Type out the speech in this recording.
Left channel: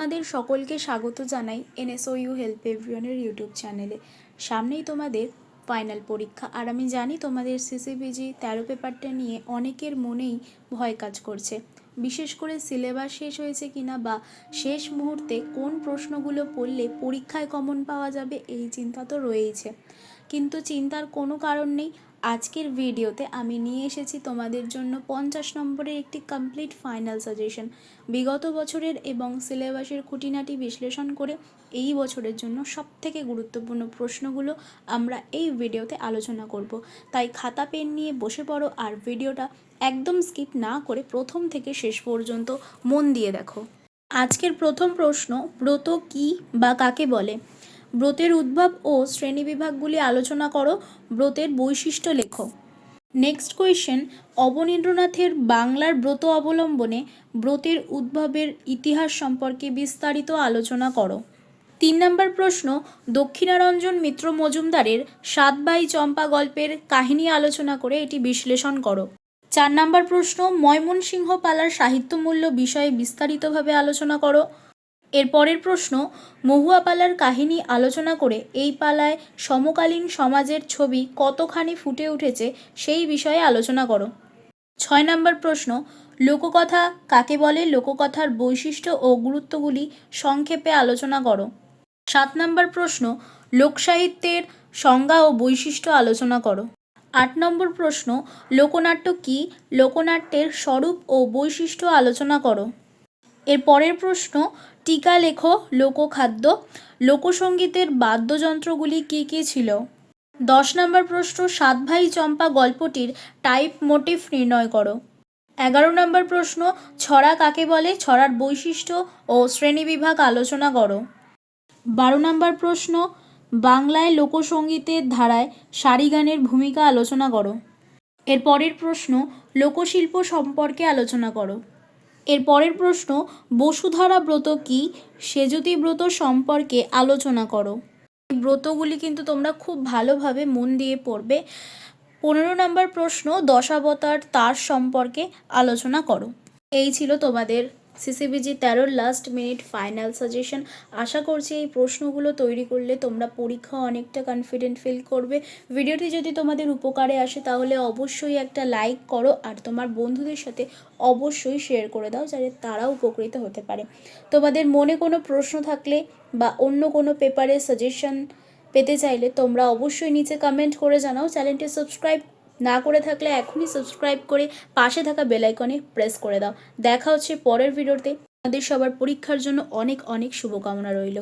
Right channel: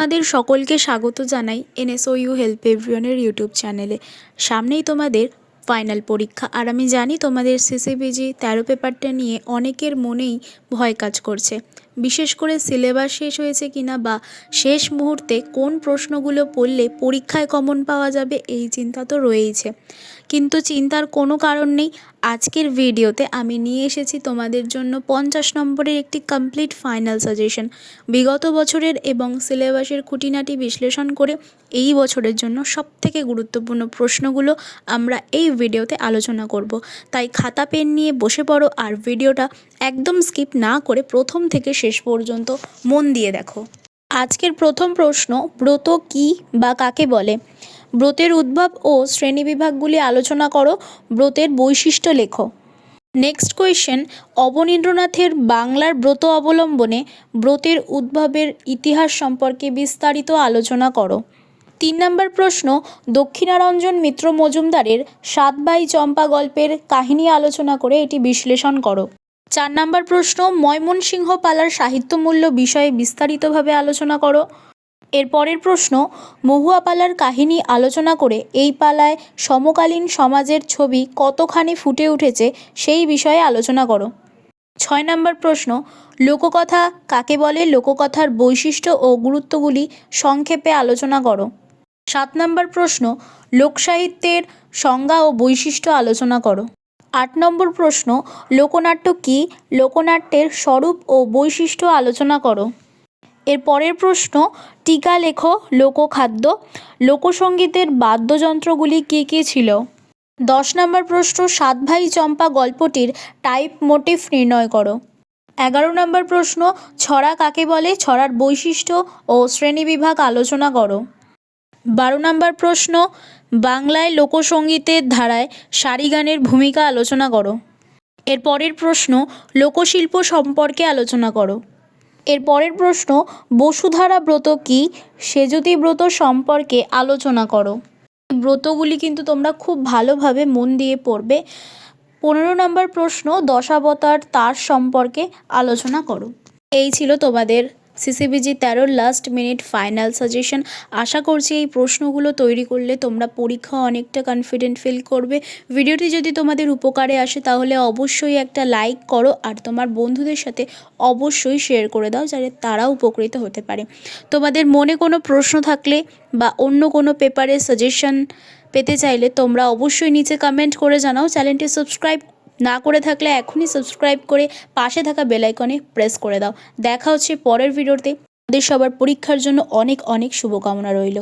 তোমাদের সকলকে স্বাগত জানাই এনএসও ইউ হেল্প এভরিওয়ানের ইউটিউব চ্যানেলে। সামনেই তোমাদের ফাইনাল পরীক্ষা, আর আমি জানি তোমাদের সিসিপিজি তেরো পেপারটা নিয়ে অনেকের মনেই ভয় কাজ করছে। বিশেষ করে সিলেবাস শেষ হয়েছে কিনা বা শেষ মুহূর্তে কোন প্রশ্নগুলো পড়লে পরীক্ষায় কমন পাওয়া যাবে এই চিন্তা তো রয়েইছে। কিন্তু চিন্তার কোনো কারণ নেই। আজকের ভিডিওতে আমি নিয়ে এসেছি তোমাদের জন্য পঞ্চাশ নম্বরের একটি কমপ্লিট ফাইনাল সাজেশন বিগত বছরের এবং সিলেবাসের খুঁটিনাটি বিশ্লেষণ করে এই বছরের জন্য সবথেকে গুরুত্বপূর্ণ প্রশ্নগুলো আমরা এই ভিডিওতে আলোচনা করব। তাই খাতা, পেন নিয়ে বসে পড়ো আর ভিডিওটা একদম স্কিপ না করে প্রথম থেকে শেষ পর্যন্ত মন দিয়ে দেখো। আজকের প্রথম প্রশ্ন, ব্রত কি বা কাকে বলে? ব্রতের উদ্ভব ও শ্রেণীবিভাগগুলি আলোচনা করো, ব্রতের বৈশিষ্ট্য লেখো। নেক্সট কোয়েশ্চেন অবনীন্দ্রনাথের বাংলার ব্রত অবলম্বনে ব্রতের উদ্ভবের ইতিহাস সম্পর্কে বিস্তারিত আলোচনা করো। তিন নম্বর প্রশ্ন, দক্ষিণারঞ্জন মিত্র মজুমদারের সাত বাই চম্পা গল্পের কাহিনী আলোচনা করে এটি বিশ্লেষণ করো। চার নম্বর প্রশ্ন, ময়মনসিংহ পালার সাহিত্যমূল্য বিষয়ে বিস্তারিতভাবে আলোচনা করো। এর পরের প্রশ্ন মহুয়া পালার কাহিনী আলোচনা করে এই পালায় সমকালীন সমাজের ছবি কতখানি ফুটে উঠেছে সেই বিষয়ে আলোচনা করো। ছয় নম্বর প্রশ্ন, লোককথা কাকে বলে? লোককথার বৈশিষ্ট্য ও গুরুত্বগুলি সংক্ষেপে আলোচনা করো। সাত নম্বর প্রশ্ন, লোকসাহিত্যের সংজ্ঞা ও বৈশিষ্ট্য আলোচনা করো। আট নম্বর প্রশ্ন, লোকনাট্য কী? লোকনাট্যের স্বরূপ ও বৈশিষ্ট্য আলোচনা করো। এর পরের প্রশ্ন, টিকা লেখো, লোকখাদ্য লোকসঙ্গীতের বাদ্যযন্ত্রগুলি কে কে ছিল? দশ নম্বর প্রশ্ন, সাত ভাই চম্পা গল্পটির টাইপ মোটিভ নির্ণয় করো। এগারো নম্বর প্রশ্ন, ছড়া কাকে বলে? ছড়ার বৈশিষ্ট্য ও শ্রেণীবিভাগ আলোচনা করো। বারো নম্বর প্রশ্ন, বাংলায় লোকসঙ্গীতের ধারায় সারি গানের ভূমিকা আলোচনা করো। এর পরের প্রশ্ন, লোকশিল্প সম্পর্কে আলোচনা করো। এর পরের প্রশ্ন, বসুধারা ব্রত কি? সেজতি ব্রত সম্পর্কে আলোচনা করো। ব্রতগুলি কিন্তু তোমরা খুব ভালোভাবে মন দিয়ে পড়বে। পনেরো নম্বর প্রশ্ন, দশাবতার তার সম্পর্কে আলোচনা করো। এই ছিল তোমাদের সিসিবিজি তেরোর লাস্ট মিনিট ফাইনাল সাজেশন আশা করছি এই প্রশ্নগুলো তৈরি করলে তোমরা পরীক্ষা অনেকটা কনফিডেন্ট ফিল করবে। ভিডিওটি যদি তোমাদের উপকারে আসে তাহলে অবশ্যই একটা লাইক করো আর তোমার বন্ধুদের সাথে অবশ্যই শেয়ার করে দাও যাতে তারাও উপকৃত হতে পারে। তোমাদের মনে কোনো প্রশ্ন থাকলে বা অন্য কোনো পেপারে সাজেশন পেতে চাইলে তোমরা অবশ্যই নিচে কমেন্ট করে জানাও। চ্যানেলটি সাবস্ক্রাইব না করে থাকলে এখনই সাবস্ক্রাইব করে পাশে থাকা বেলাইকনে প্রেস করে দাও। দেখা হচ্ছে পরের ভিডিওতে আমাদের সবার পরীক্ষার জন্য অনেক অনেক শুভকামনা রইল।